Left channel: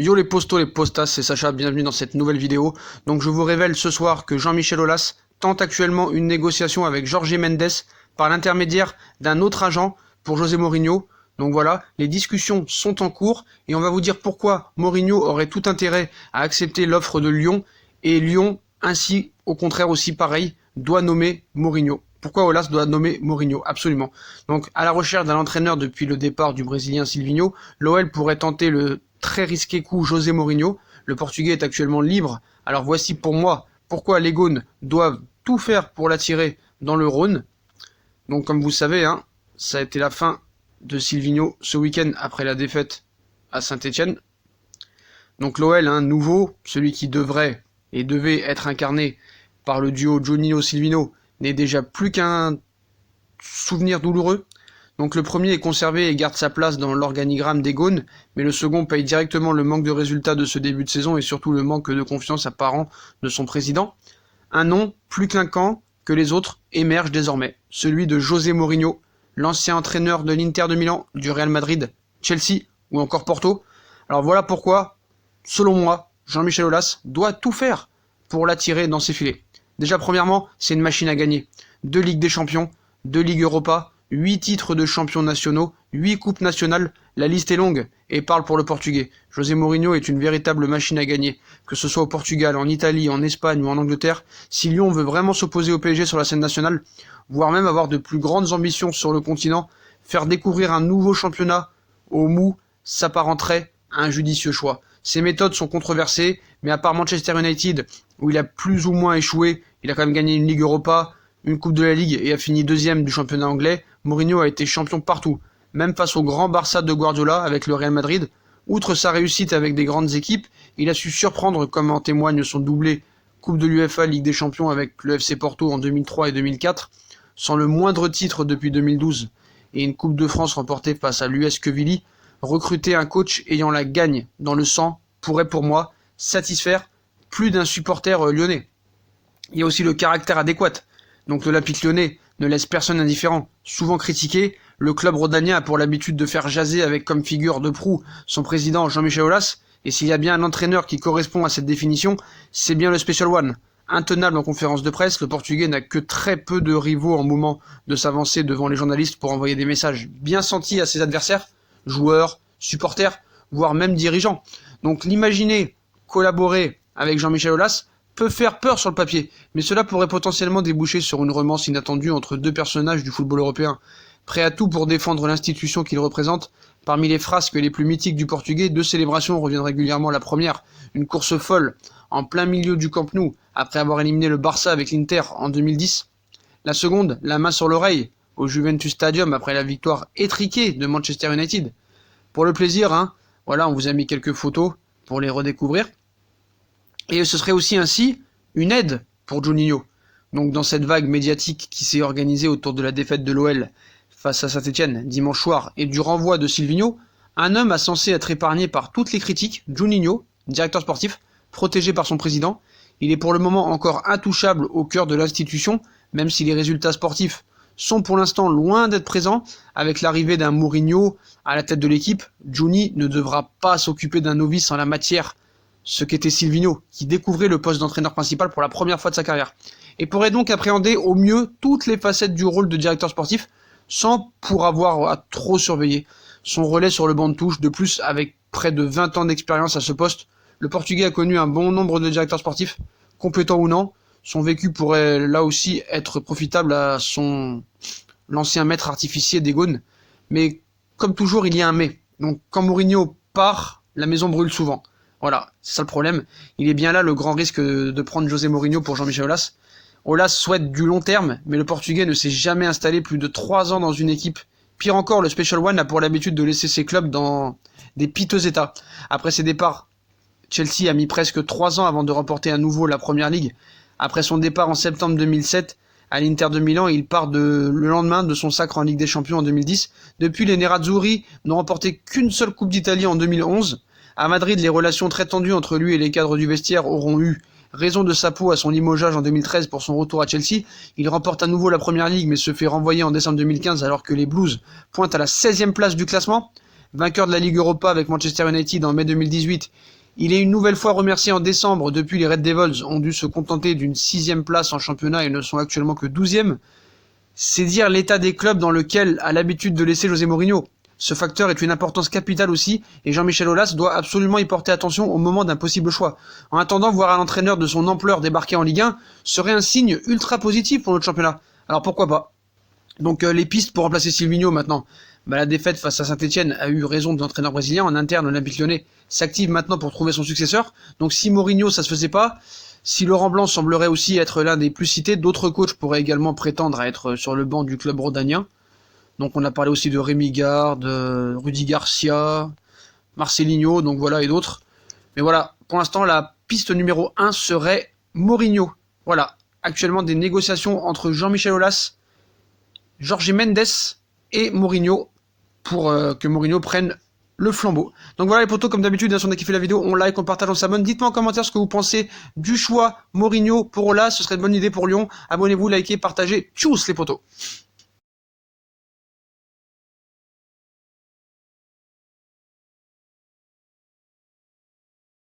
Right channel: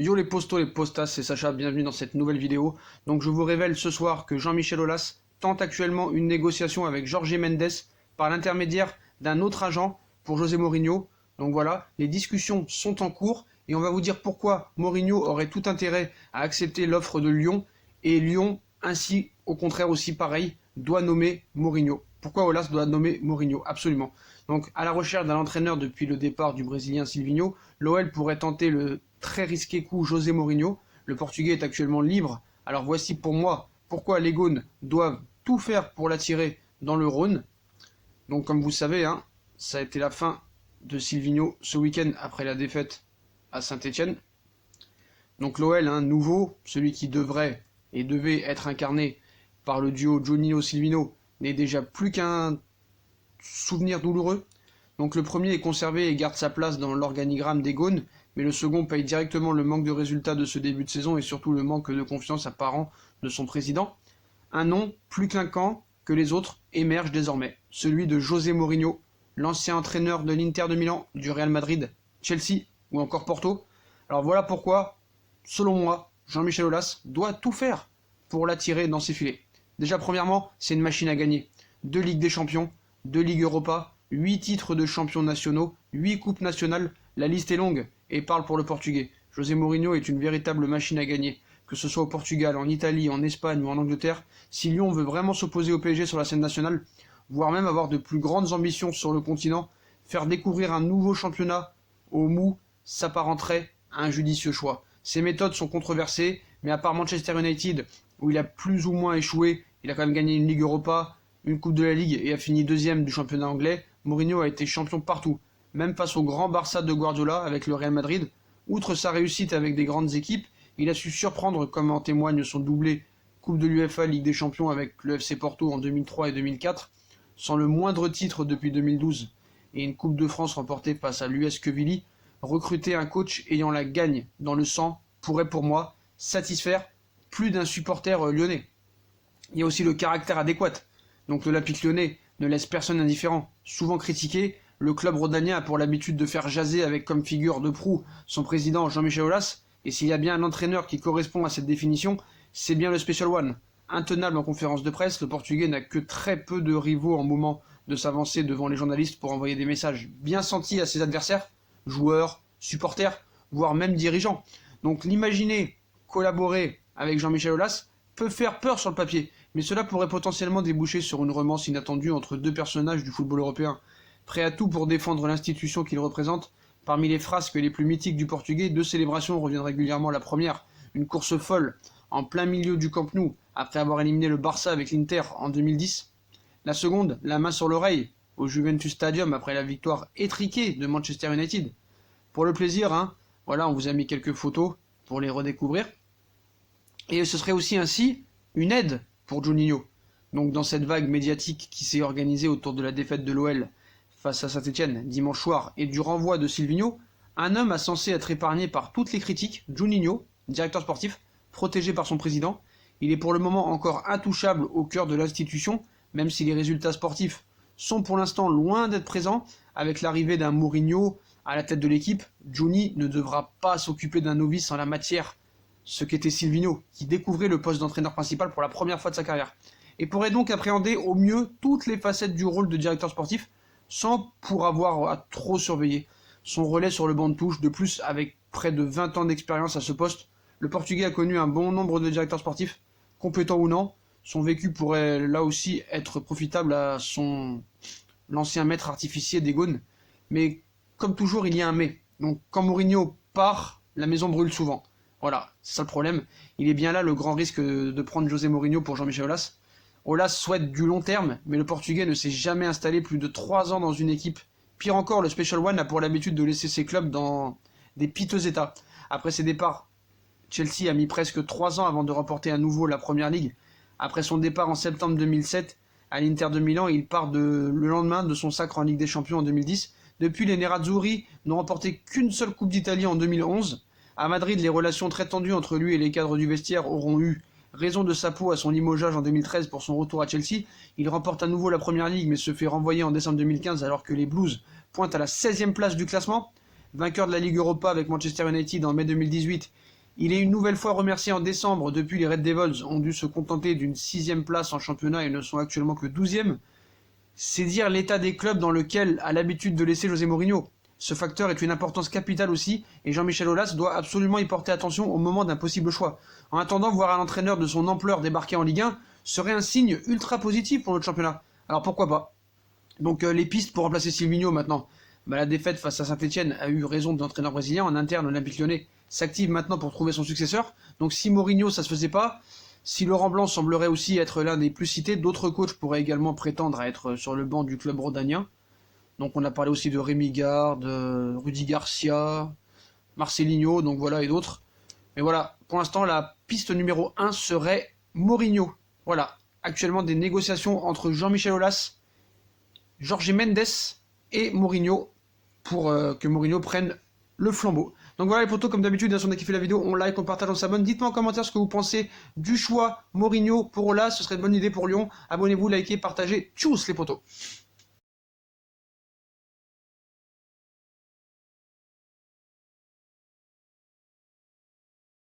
Yo les postos, les postas, c'est Sacha, bienvenue dans cette nouvelle vidéo. Donc je vous révèle ce soir que Jean-Michel Aulas tente actuellement une négociation avec Jorge Mendes par l'intermédiaire d'un autre agent pour José Mourinho. Donc voilà, les discussions sont en cours et on va vous dire pourquoi Mourinho aurait tout intérêt à accepter l'offre de Lyon et Lyon, ainsi au contraire aussi pareil, doit nommer Mourinho. Pourquoi Aulas doit nommer Mourinho? Absolument. Donc à la recherche d'un entraîneur depuis le départ du Brésilien Silvinho, l'OL pourrait tenter le très risqué coup José Mourinho. Le Portugais est actuellement libre. Alors voici pour moi pourquoi les Gaunes doivent tout faire pour l'attirer dans le Rhône. Donc comme vous savez, ça a été la fin de Silvinho ce week-end après la défaite à Saint-Etienne. Donc l'OL, nouveau, celui qui devrait et devait être incarné par le duo Juninho-Silvinho, n'est déjà plus qu'un souvenir douloureux. Donc le premier est conservé et garde sa place dans l'organigramme des Gaunes, mais le second paye directement le manque de résultats de ce début de saison et surtout le manque de confiance apparent de son président. Un nom plus clinquant que les autres émerge désormais, celui de José Mourinho, l'ancien entraîneur de l'Inter de Milan, du Real Madrid, Chelsea ou encore Porto. Alors voilà pourquoi, selon moi, Jean-Michel Aulas doit tout faire pour l'attirer dans ses filets. Déjà premièrement, c'est une machine à gagner. 2 Ligues des Champions, 2 Ligues Europa, 8 titres de champions nationaux, 8 coupes nationales, la liste est longue et parle pour le Portugais. José Mourinho est une véritable machine à gagner, que ce soit au Portugal, en Italie, en Espagne ou en Angleterre. Si Lyon veut vraiment s'opposer au PSG sur la scène nationale, voire même avoir de plus grandes ambitions sur le continent, faire découvrir un nouveau championnat au mou s'apparenterait à un judicieux choix. Ses méthodes sont controversées, mais à part Manchester United, où il a plus ou moins échoué, il a quand même gagné une Ligue Europa, une Coupe de la Ligue et a fini 2e du championnat anglais, Mourinho a été champion partout, même face au grand Barça de Guardiola avec le Real Madrid. Outre sa réussite avec des grandes équipes, il a su surprendre comme en témoigne son doublé Coupe de l'UEFA Ligue des Champions avec le FC Porto en 2003 et 2004, sans le moindre titre depuis 2012 et une Coupe de France remportée face à l'US Quevilly. Recruter un coach ayant la gagne dans le sang pourrait pour moi satisfaire plus d'un supporter lyonnais. Il y a aussi le caractère adéquat. Donc l'Olympique lyonnais ne laisse personne indifférent. Souvent critiqué, le club rhodanien a pour l'habitude de faire jaser avec comme figure de proue son président Jean-Michel Aulas, et s'il y a bien un entraîneur qui correspond à cette définition, c'est bien le Special One. Intenable en conférence de presse, le Portugais n'a que très peu de rivaux en moment de s'avancer devant les journalistes pour envoyer des messages bien sentis à ses adversaires, joueurs, supporters, voire même dirigeants. Donc l'imaginer collaborer avec Jean-Michel Aulas peut faire peur sur le papier, mais cela pourrait potentiellement déboucher sur une romance inattendue entre deux personnages du football européen, prêts à tout pour défendre l'institution qu'ils représentent. Parmi les frasques les plus mythiques du Portugais, 2 célébrations reviennent régulièrement. La première, une course folle en plein milieu du Camp Nou, après avoir éliminé le Barça avec l'Inter en 2010. La seconde, la main sur l'oreille, au Juventus Stadium après la victoire étriquée de Manchester United. Pour le plaisir, voilà, on vous a mis quelques photos pour les redécouvrir. Et ce serait aussi ainsi une aide pour Juninho. Donc dans cette vague médiatique qui s'est organisée autour de la défaite de l'OL face à Saint-Etienne dimanche soir et du renvoi de Silvinho, un homme a censé être épargné par toutes les critiques, Juninho, directeur sportif, protégé par son président. Il est pour le moment encore intouchable au cœur de l'institution, même si les résultats sportifs sont pour l'instant loin d'être présents. Avec l'arrivée d'un Mourinho à la tête de l'équipe, Juni ne devra pas s'occuper d'un novice en la matière, ce qu'était Silvinho, qui découvrait le poste d'entraîneur principal pour la première fois de sa carrière, et pourrait donc appréhender au mieux toutes les facettes du rôle de directeur sportif, sans pour avoir à trop surveiller son relais sur le banc de touche. De plus, avec près de 20 ans d'expérience à ce poste, le Portugais a connu un bon nombre de directeurs sportifs, compétents ou non. Son vécu pourrait là aussi être profitable à l'ancien maître artificier des Gaunes. Mais comme toujours, il y a un mais. Donc quand Mourinho part, la maison brûle souvent. Voilà, c'est ça le problème. Il est bien là le grand risque de prendre José Mourinho pour Jean-Michel Aulas. Aulas souhaite du long terme, mais le Portugais ne s'est jamais installé plus de 3 ans dans une équipe. Pire encore, le Special One a pour l'habitude de laisser ses clubs dans des piteux états. Après ses départs, Chelsea a mis presque 3 ans avant de remporter à nouveau la Première Ligue. Après son départ en septembre 2007 à l'Inter de Milan, il part le lendemain de son sacre en Ligue des Champions en 2010. Depuis, les Nerazzurri n'ont remporté qu'une seule Coupe d'Italie en 2011. À Madrid, les relations très tendues entre lui et les cadres du vestiaire auront eu raison de sa peau à son limogeage en 2013 pour son retour à Chelsea. Il remporte à nouveau la Première Ligue mais se fait renvoyer en décembre 2015 alors que les Blues pointent à la 16e place du classement. vainqueur de la Ligue Europa avec Manchester United en mai 2018. Il est une nouvelle fois remercié en décembre depuis les Red Devils ont dû se contenter d'une 6e place en championnat et ne sont actuellement que 12e. C'est dire l'état des clubs dans lequel a l'habitude de laisser José Mourinho. Ce facteur est une importance capitale aussi et Jean-Michel Aulas doit absolument y porter attention au moment d'un possible choix. En attendant, voir un entraîneur de son ampleur débarquer en Ligue 1 serait un signe ultra positif pour notre championnat. Alors pourquoi pas? Donc les pistes pour remplacer Silvinho maintenant. La défaite face à Saint-Etienne a eu raison de l'entraîneur brésilien. En interne, l'Olympique Lyonnais s'active maintenant pour trouver son successeur. Donc si Mourinho ça se faisait pas, si Laurent Blanc semblerait aussi être l'un des plus cités, d'autres coachs pourraient également prétendre à être sur le banc du club rhodanien. Donc on a parlé aussi de Rémi Garde, Rudy Garcia, Marcelinho, donc voilà, et d'autres. Mais voilà, pour l'instant, la piste numéro 1 serait Mourinho. Voilà, actuellement des négociations entre Jean-Michel Aulas, Jorge Mendes et Mourinho pour que Mourinho prenne le flambeau. Donc voilà les potos, comme d'habitude, si on a kiffé la vidéo, on like, on partage, on s'abonne. Dites-moi en commentaire ce que vous pensez du choix Mourinho pour Aulas, ce serait une bonne idée pour Lyon. Abonnez-vous, likez, partagez. Tchuss les potos.